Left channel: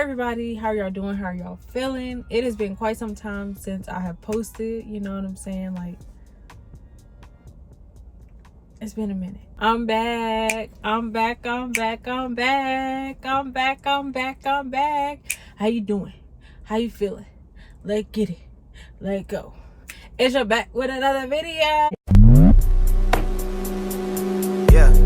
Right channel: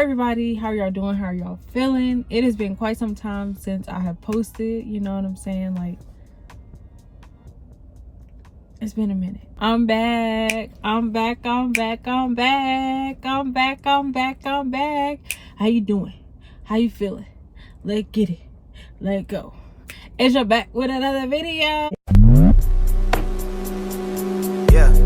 everybody, how y'all doing? How are y'all feeling? It has been quite some time since I have posted, you know what I'm saying? Like, it's been a minute. I'm back. I'm back. How you doing? How you feeling? Let's get it. Let's go. Issa back with another video. Yeah.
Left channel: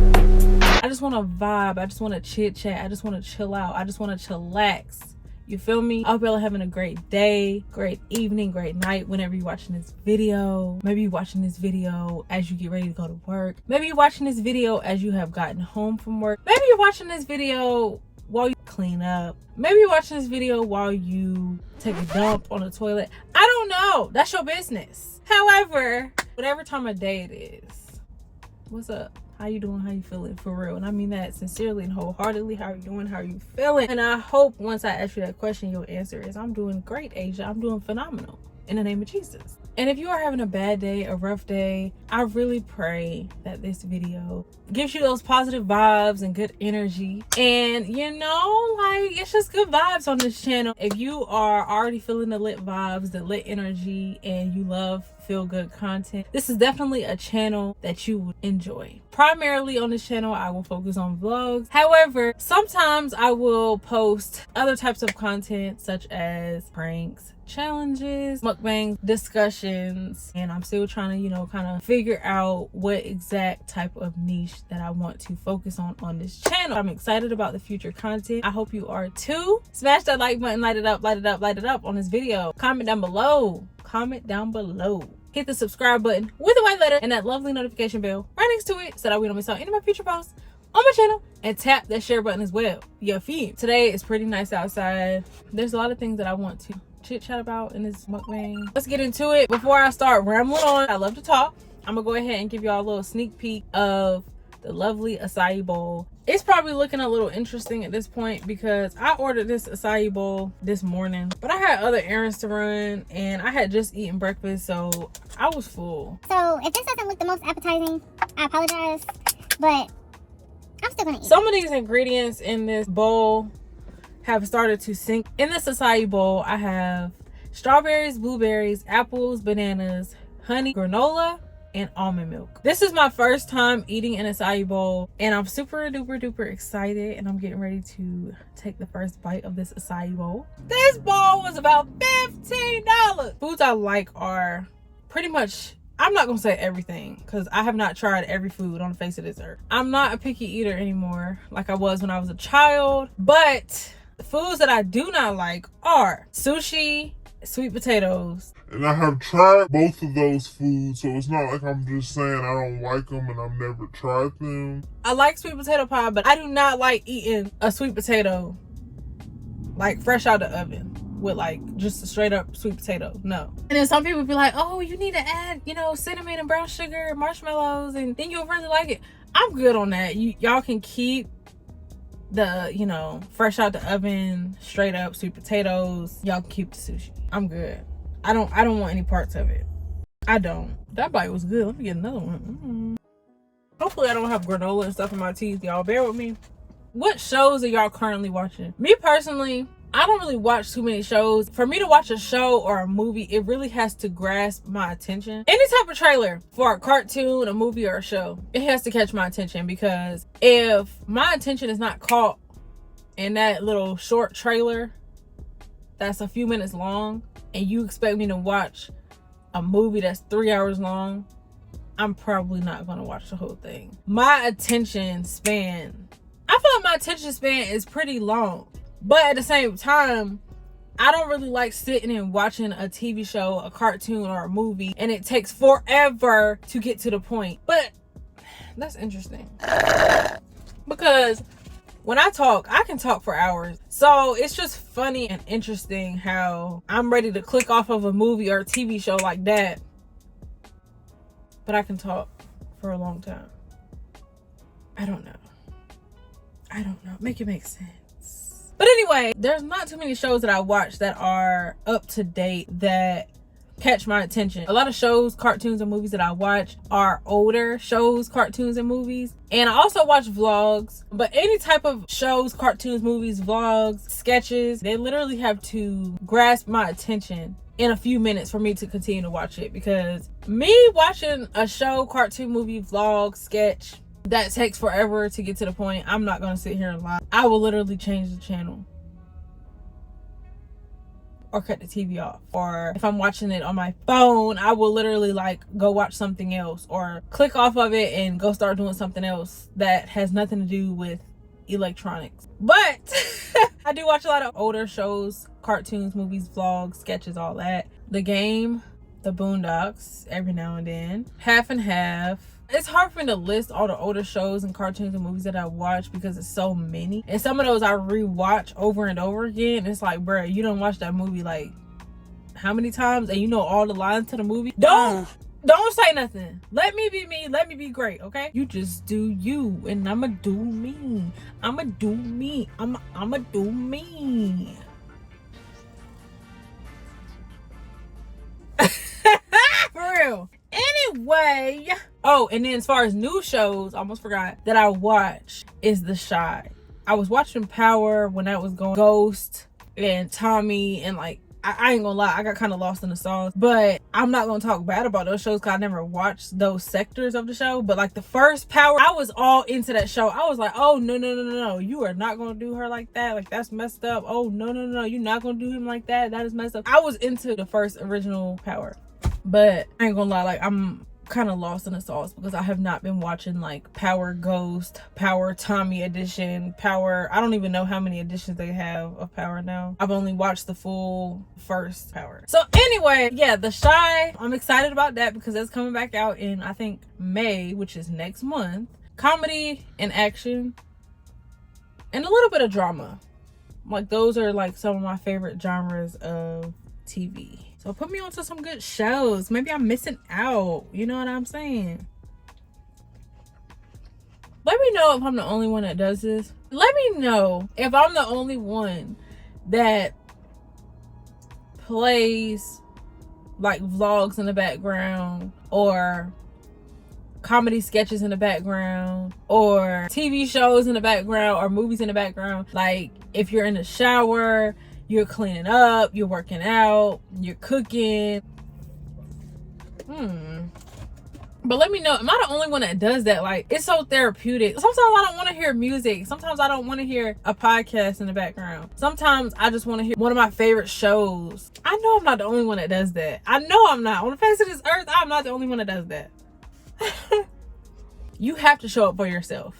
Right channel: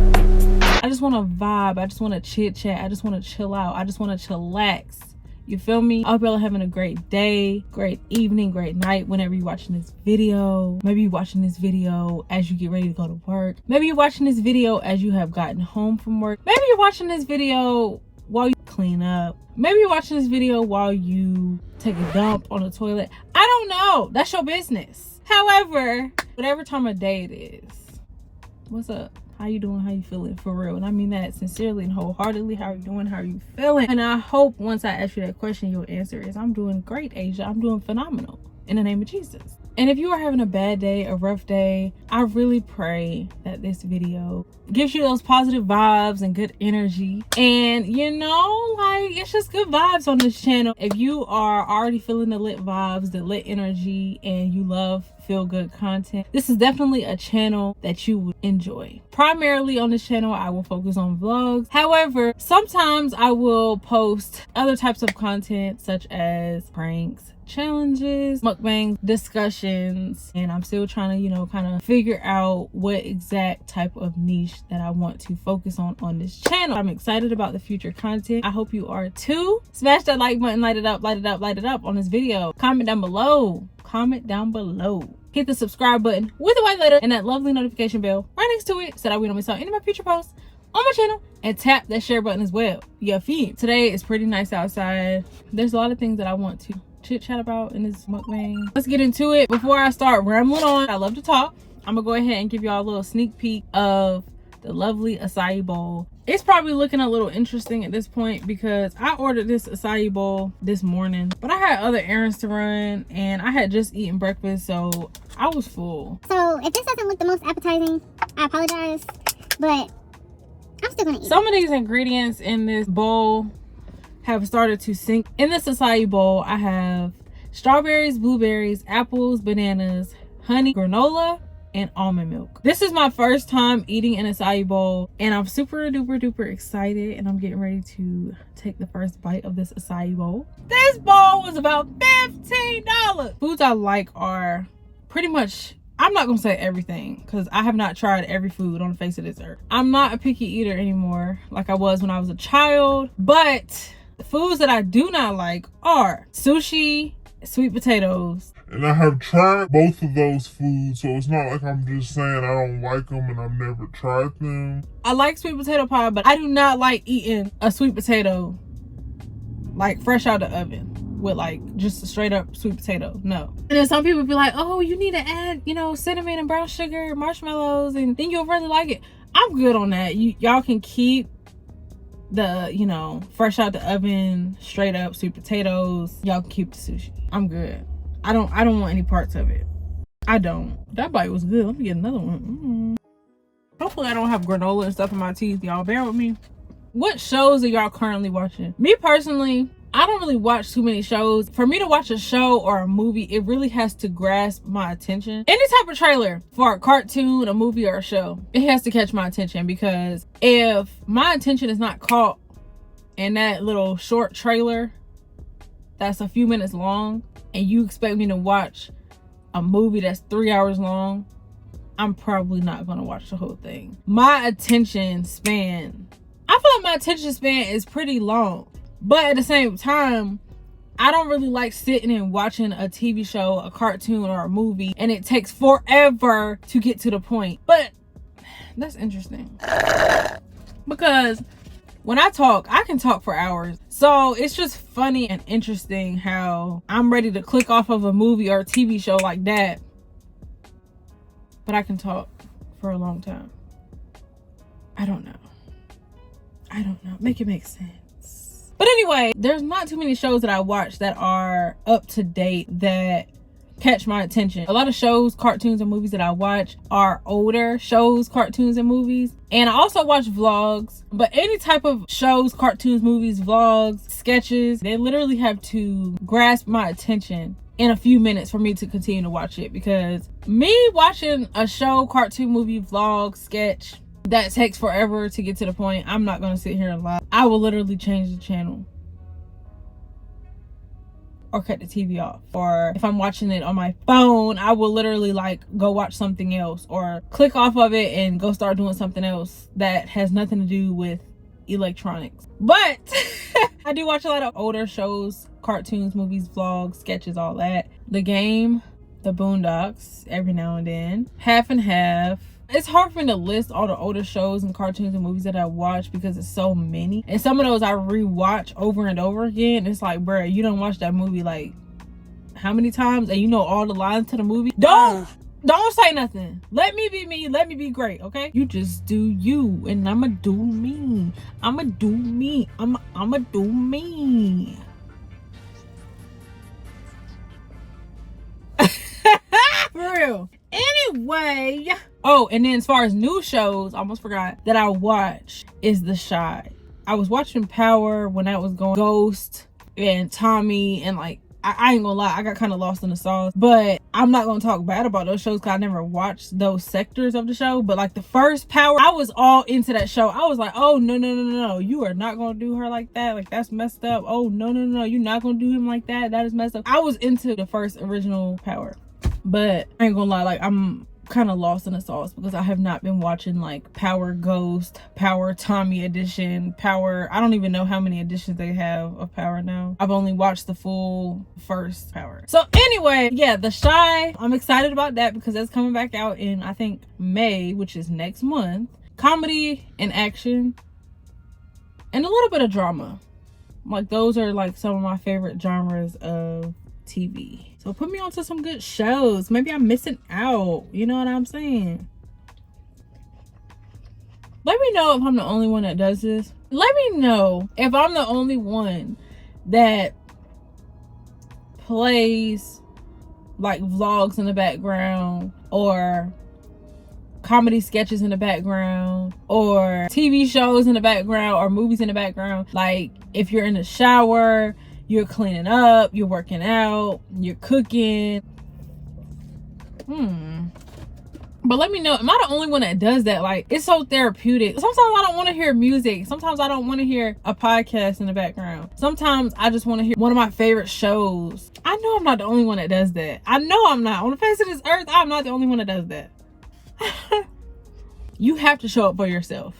I just want to vibe. I just want to chit chat. I just want to chill out. I just want to chillax. You feel me? I hope y'all are having a great day, great evening, great night whenever you're watching this video. Maybe you're watching this video as you get ready to go to work. Maybe you're watching this video as you have gotten home from work. Maybe you're watching this video while you clean up. Maybe you're watching this video while you take a dump on the toilet. I don't know. That's your business. However, whatever time of day it is, what's up? How you doing? How you feeling? For real. And I mean that sincerely and wholeheartedly. How are you doing? How are you feeling? And I hope once I ask you that question, your answer is, I'm doing great, Asia. I'm doing phenomenal. In the name of Jesus. And if you are having a bad day, a rough day, I really pray that this video gives you those positive vibes and good energy. And you know, like, it's just good vibes on this channel. If you are already feeling the lit vibes, the lit energy, and you love feel good content, this is definitely a channel that you would enjoy. Primarily on this channel, I will focus on vlogs. However, sometimes I will post other types of content such as pranks, challenges, mukbangs, discussions, and I'm still trying to, you know, kind of figure out what exact type of niche that I want to focus on this channel. I'm excited about the future content. I hope you are too. Smash that like button, light it up on this video. Comment down below. Hit the subscribe button with the white letter and that lovely notification bell right next to it so that we don't miss out any of my future posts on my channel, and tap that share button as well. Yeah, feed. Today is pretty nice outside. There's a lot of things that I want to chit chat about in this mukbang. Let's get into it. Before I start rambling on, I love to talk. I'm gonna go ahead and give y'all a little sneak peek of the lovely acai bowl. It's probably looking a little interesting at this point because I ordered this acai bowl this morning, but I had other errands to run and I had just eaten breakfast, so I was full. So if this doesn't look the most appetizing, I apologize, but I'm still gonna eat. Some of these ingredients in this bowl have started to sink. In this acai bowl, I have strawberries, blueberries, apples, bananas, honey, granola, and almond milk. This is my first time eating an acai bowl, and I'm super duper excited, and I'm getting ready to take the first bite of this acai bowl. This bowl was about $15. Foods I like are pretty much, I'm not gonna say everything because I have not tried every food on the face of this earth. I'm not a picky eater anymore like I was when I was a child, but the foods that I do not like are sushi, sweet potatoes. And I have tried both of those foods, so it's not like I'm just saying I don't like them and I've never tried them. I like sweet potato pie, but I do not like eating a sweet potato like fresh out the oven with like just a straight up sweet potato. No. And then some people be like, oh, you need to add, you know, cinnamon and brown sugar and marshmallows and then you'll really like it. I'm good on that. Y'all can keep the, you know, fresh out the oven, straight up sweet potatoes. Y'all can keep the sushi. I'm good. I don't want any parts of it. I don't. That bite was good. Let me get another one. Hopefully I don't have granola and stuff in my teeth. Y'all bear with me. What shows are y'all currently watching? Me personally, I don't really watch too many shows. For me to watch a show or a movie, it really has to grasp my attention. Any type of trailer for a cartoon, a movie, or a show, it has to catch my attention, because if my attention is not caught in that little short trailer that's a few minutes long, and you expect me to watch a movie that's 3 hours long, I'm probably not gonna watch the whole thing. My attention span, I feel like my attention span is pretty long, but at the same time, I don't really like sitting and watching a TV show, a cartoon, or a movie, and it takes forever to get to the point. But that's interesting, because when I talk, I can talk for hours. So it's just funny and interesting how I'm ready to click off of a movie or a TV show like that, but I can talk for a long time. I don't know. Make it make sense. But anyway, there's not too many shows that I watch that are up to date that catch my attention. A lot of shows, cartoons, and movies that I watch are older shows, cartoons, and movies. And I also watch vlogs, but any type of shows, cartoons, movies, vlogs, sketches, they literally have to grasp my attention in a few minutes for me to continue to watch it. Because me watching a show, cartoon, movie, vlog, sketch that takes forever to get to the point, I'm not going to sit here and lie. I will literally change the channel or cut the TV off. Or if I'm watching it on my phone, I will literally like go watch something else or click off of it and go start doing something else that has nothing to do with electronics. But I do watch a lot of older shows, cartoons, movies, vlogs, sketches, all that. The Game, The Boondocks, every now and then. Half and Half. It's hard for me to list all the older shows and cartoons and movies that I watch because it's so many. And some of those I rewatch over and over again. It's like, bruh, you don't watch that movie like how many times and you know all the lines to the movie? Don't say nothing. Let me be me. Let me be great, okay? You just do you and I'ma do me. I'ma do me. I'ma do me. For real. Anyway. Oh, and then as far as new shows, I almost forgot that I watch is The Chi. I was watching Power when I was going Ghost and Tommy, and like I ain't gonna lie, I got kind of lost in the sauce. But I'm not gonna talk bad about those shows because I never watched those sectors of the show. But like the first Power, I was all into that show. I was like, oh no, you are not gonna do her like that. Like that's messed up. Oh no, you're not gonna do him like that. That is messed up. I was into the first original Power. But I ain't gonna lie, like I'm kind of lost in the sauce because I have not been watching like Power Ghost, Power Tommy edition, Power, I don't even know how many editions they have of Power now. I've only watched the full first Power. So anyway, yeah, The Chi, I'm excited about that because that's coming back out in I think May, which is next month. Comedy and action and a little bit of drama. Like those are like some of my favorite genres of TV. So put me onto some good shows. Maybe I'm missing out. You know what I'm saying? Let me know if I'm the only one that does this. Let me know if I'm the only one that plays like vlogs in the background or comedy sketches in the background or TV shows in the background or movies in the background. Like if you're in the shower, you're cleaning up, you're working out, you're cooking. But let me know, am I the only one that does that? Like, it's so therapeutic. Sometimes I don't want to hear music. Sometimes I don't want to hear a podcast in the background. Sometimes I just want to hear one of my favorite shows. I know I'm not the only one that does that. I know I'm not. On the face of this earth, I'm not the only one that does that. You have to show up for yourself.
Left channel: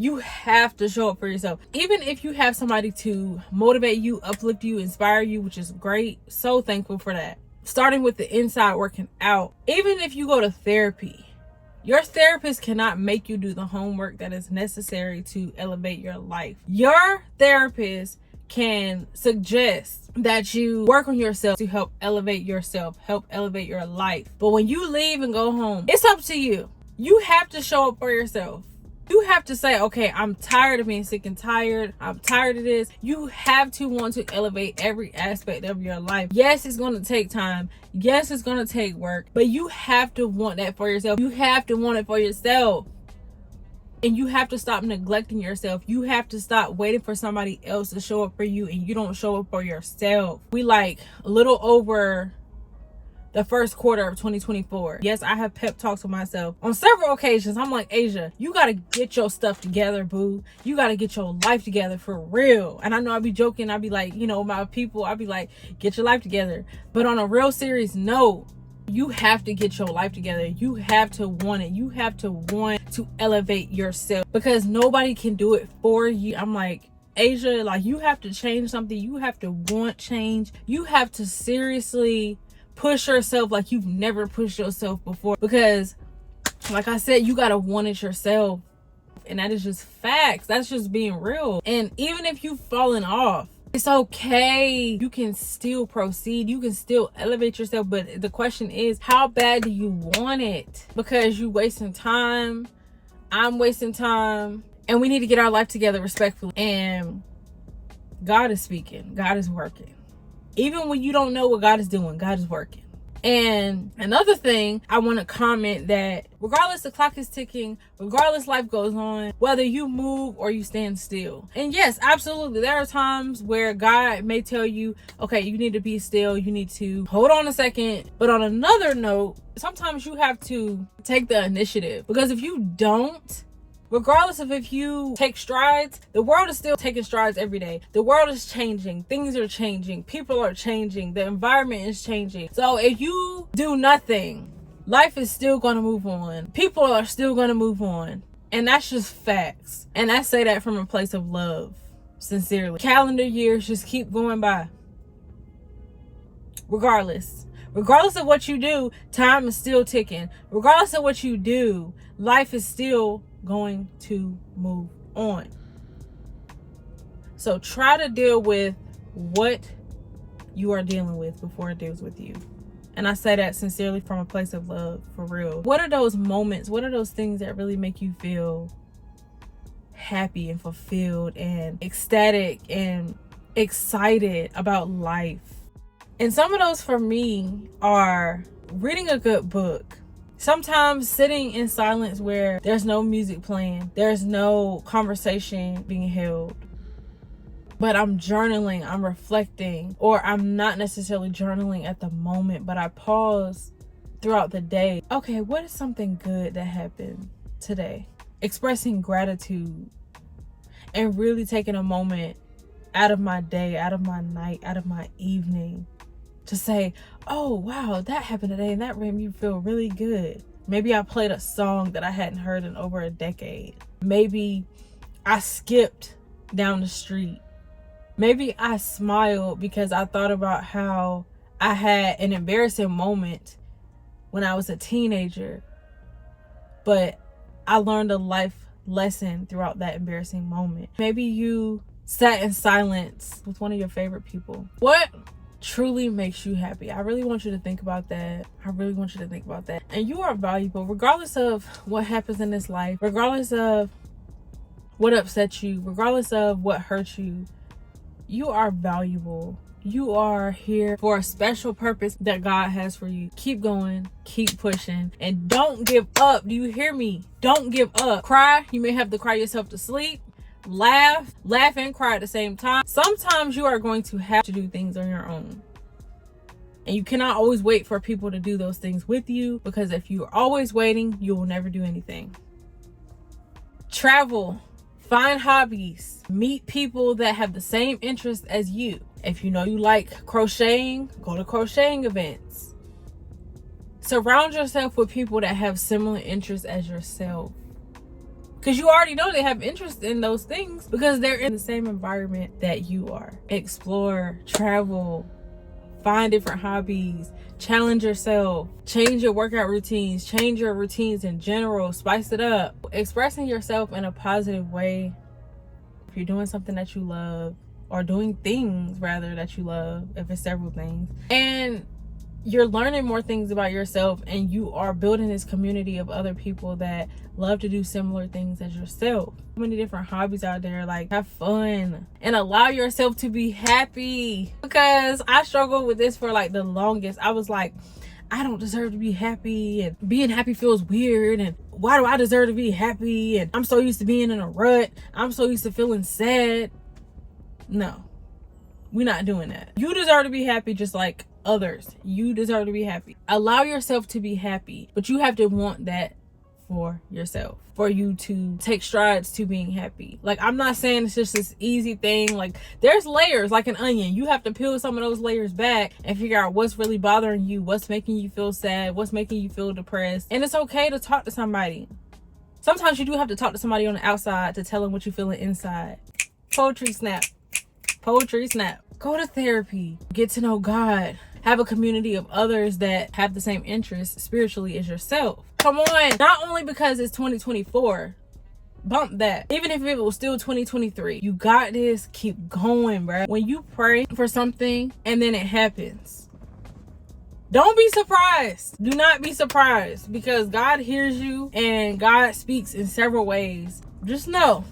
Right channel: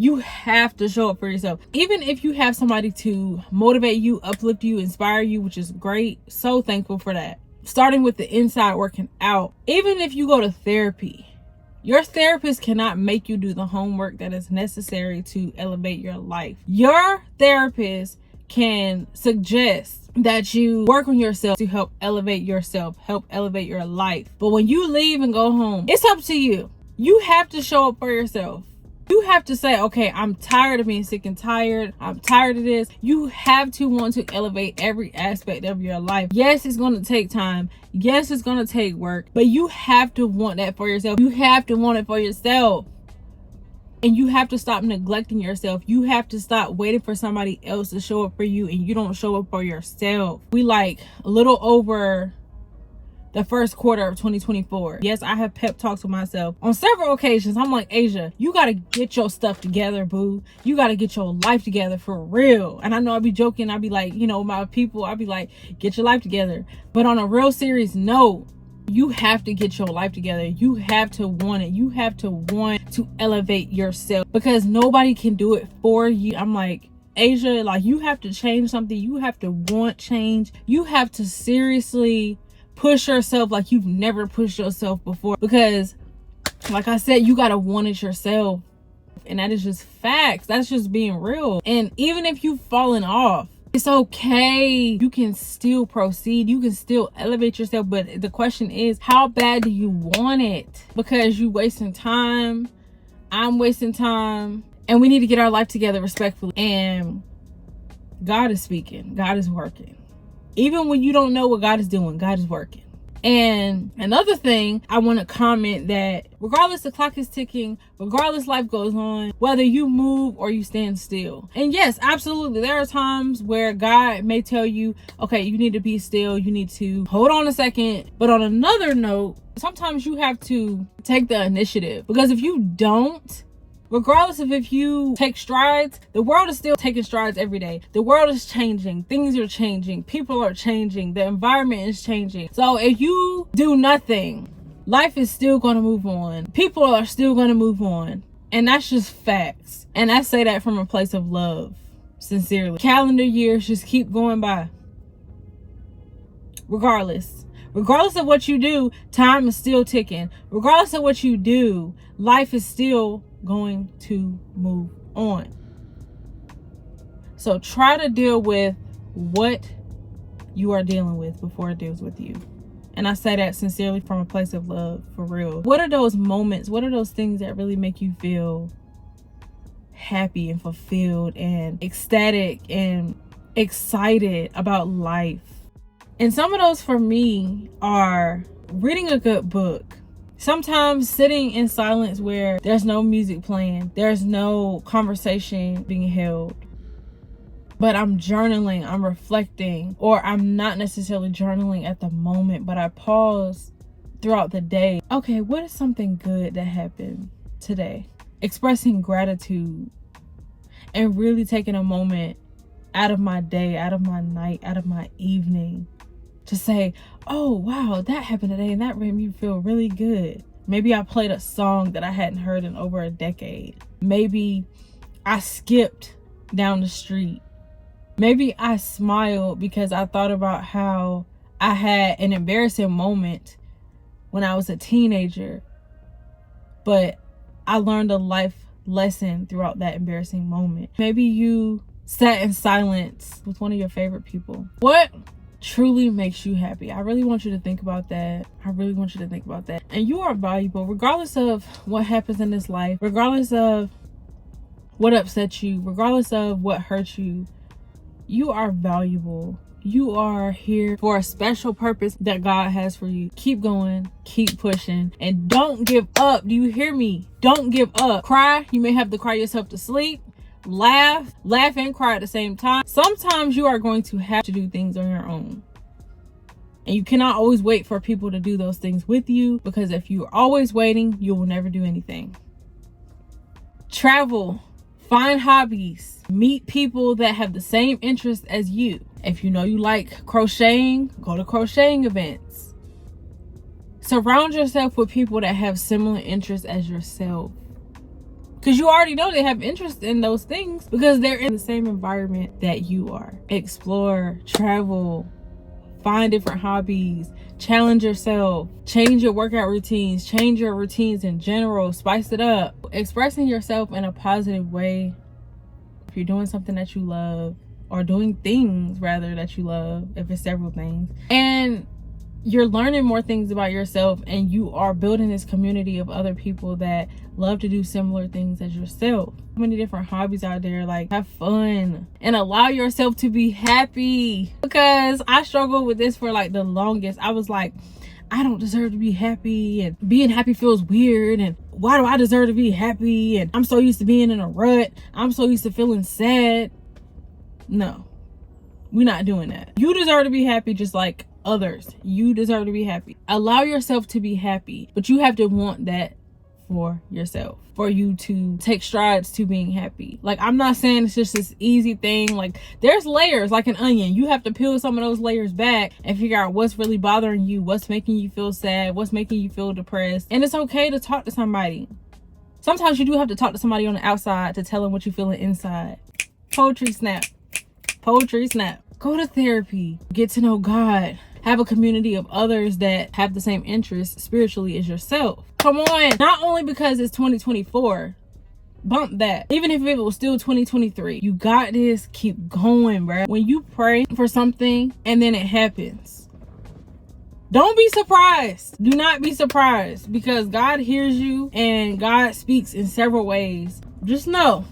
You have to show up for yourself. Even if you have somebody to motivate you, uplift you, inspire you, which is great. So thankful for that. Starting with the inside, working out. Even if you go to therapy, your therapist cannot make you do the homework that is necessary to elevate your life. Your therapist can suggest that you work on yourself to help elevate yourself, help elevate your life. But when you leave and go home, it's up to you. You have to show up for yourself. You have to say, okay, I'm tired of being sick and tired. I'm tired of this. You have to want to elevate every aspect of your life. Yes, it's going to take time. Yes, it's going to take work. But you have to want that for yourself. You have to want it for yourself. And you have to stop neglecting yourself. You have to stop waiting for somebody else to show up for you and you don't show up for yourself. We like a little over the first quarter of 2024. Yes, I have pep talks with myself on several occasions. I'm like, Asia, you got to get your stuff together, boo. You got to get your life together for real. And I know I'd be joking. I'd be like, you know, my people, I'd be like, get your life together. But on a real serious note, you have to get your life together. You have to want it. You have to want to elevate yourself because nobody can do it for you. I'm like, Asia, like you have to change something. You have to want change. You have to seriously push yourself like you've never pushed yourself before, because like I said, you gotta want it yourself, and that is just facts. That's just being real. And even if you've fallen off, it's okay. You can still proceed. You can still elevate yourself. But the question is, how bad do you want it? Because you wasting time, I'm wasting time, and we need to get our life together respectfully. And God is speaking. God is working. Even when you don't know what God is doing, God is working. And another thing, I want to comment that regardless the clock is ticking, regardless life goes on, whether you move or you stand still. And yes, absolutely, there are times where God may tell you, okay, you need to be still, you need to hold on a second. But on another note, sometimes you have to take the initiative, because if you don't, regardless of if you take strides, the world is still taking strides every day. The world is changing. Things are changing. People are changing. The environment is changing. So if you do nothing, life is still going to move on. People are still going to move on. And that's just facts. And I say that from a place of love, sincerely. Calendar years just keep going by. Regardless of what you do, time is still ticking. Regardless of what you do, life is still going to move on. So try to deal with what you are dealing with before it deals with you. And I say that sincerely from a place of love, for real. What are those moments? What are those things that really make you feel happy and fulfilled and ecstatic and excited about life? And some of those for me are reading a good book. Sometimes sitting in silence where there's no music playing, there's no conversation being held, but I'm journaling, I'm reflecting, or I'm not necessarily journaling at the moment, but I pause throughout the day. Okay, what is something good that happened today? Expressing gratitude and really taking a moment out of my day, out of my night, out of my evening to say, oh wow, that happened today and that made me feel really good. Maybe I played a song that I hadn't heard in over a decade. Maybe I skipped down the street. Maybe I smiled because I thought about how I had an embarrassing moment when I was a teenager, but I learned a life lesson throughout that embarrassing moment. Maybe you sat in silence with one of your favorite people. What truly makes you happy? I really want you to think about that. And you are valuable regardless of what happens in this life, regardless of what upsets you, regardless of what hurts you. You are valuable. You are here for a special purpose that God has for you. Keep going, keep pushing, and don't give up. Do you hear me? Don't give up. Cry. You may have to cry yourself to sleep. Laugh and cry at the same time. Sometimes you are going to have to do things on your own, and you cannot always wait for people to do those things with you, because if you're always waiting, you will never do anything. Travel, find hobbies, meet people that have the same interests as you. If you know you like crocheting, go to crocheting events. Surround yourself with people that have similar interests as yourself, because you already know they have interest in those things because they're in the same environment that you are. Explore, travel, find different hobbies, challenge yourself, change your workout routines, change your routines in general, spice it up. Expressing yourself in a positive way. If you're doing something that you love, or doing things rather that you love, if it's several things, and you're learning more things about yourself, and you are building this community of other people that love to do similar things as yourself. So many different hobbies out there. Like, have fun and allow yourself to be happy, because I struggled with this for like the longest. I was like, I don't deserve to be happy, and being happy feels weird, and why do I deserve to be happy, and I'm so used to being in a rut, I'm so used to feeling sad. No, we're not doing that. You deserve to be happy just like others. You deserve to be happy. Allow yourself to be happy, but you have to want that for yourself, for you to take strides to being happy. Like, I'm not saying it's just this easy thing. Like, there's layers like an onion. You have to peel some of those layers back and figure out what's really bothering you, what's making you feel sad, what's making you feel depressed. And it's okay to talk to somebody. Sometimes you do have to talk to somebody on the outside to tell them what you're feeling inside. Poetry snap. Go to therapy, get to know God, have a community of others that have the same interests spiritually as yourself. Come on. Not only because it's 2024, bump that. Even if it was still 2023, you got this. Keep going, bro. When you pray for something and then it happens, don't be surprised. Do not be surprised, because God hears you and God speaks in several ways. Just know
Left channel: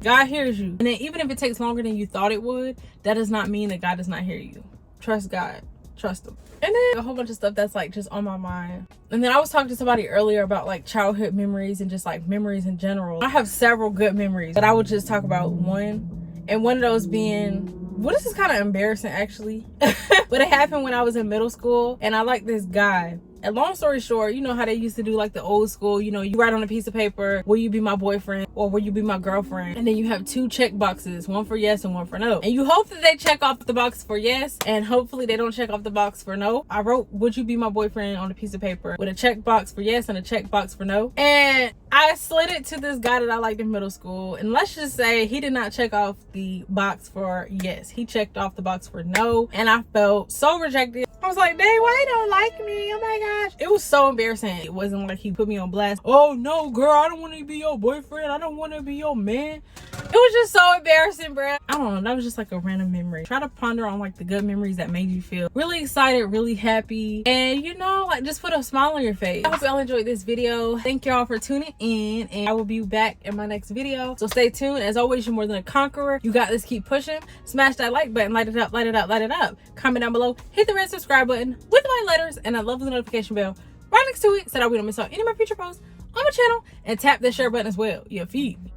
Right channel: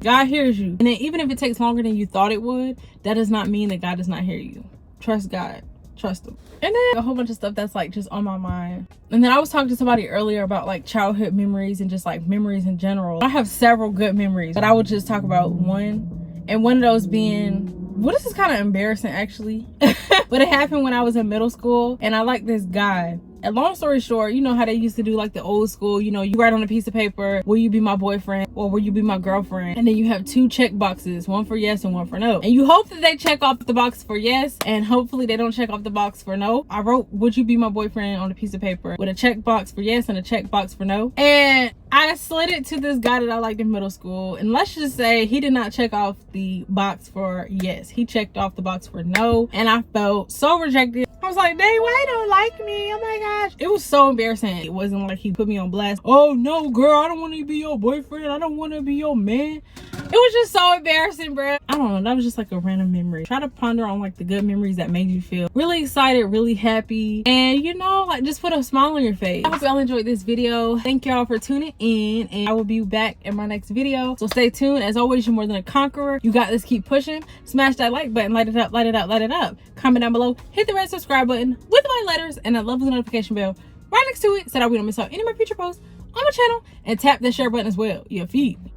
God hears you. And then even if it takes longer than you thought it would, that does not mean that God does not hear you. Trust God. Trust them. And then a whole bunch of stuff that's like just on my mind. And then I was talking to somebody earlier about like childhood memories and just like memories in general. I have several good memories, but I would just talk about one. And one of those being, well, this is kind of embarrassing actually. But it happened when I was in middle school, and I like this guy. And long story short, you know how they used to do like the old school, you know, you write on a piece of paper, will you be my boyfriend or will you be my girlfriend? And then you have 2 check boxes, one for yes and one for no. And you hope that they check off the box for yes, and hopefully they don't check off the box for no. I wrote, would you be my boyfriend on a piece of paper with a check box for yes and a check box for no. And I slid it to this guy that I liked in middle school. And let's just say he did not check off the box for yes. He checked off the box for no. And I felt so rejected. I was like, dang, why you don't like me? Oh my gosh. It was so embarrassing. It wasn't like he put me on blast. Oh no, girl, I don't want to be your boyfriend. I don't want to be your man. It was just so embarrassing, bruh. I don't know. That was just like a random memory. Try to ponder on like the good memories that made you feel really excited, really happy. And you know, like just put a smile on your face. I hope y'all enjoyed this video. Thank y'all for tuning in, and I will be back in my next video. So stay tuned. As always, you're more than a conqueror. You got this. Keep pushing. Smash that like button. Light it up, light it up, light it up. Comment down below. Hit the red subscribe button with my letters and a lovely notification bell right next to it so that we don't miss out any of my future posts on my channel, and tap the share button as well. You feed me.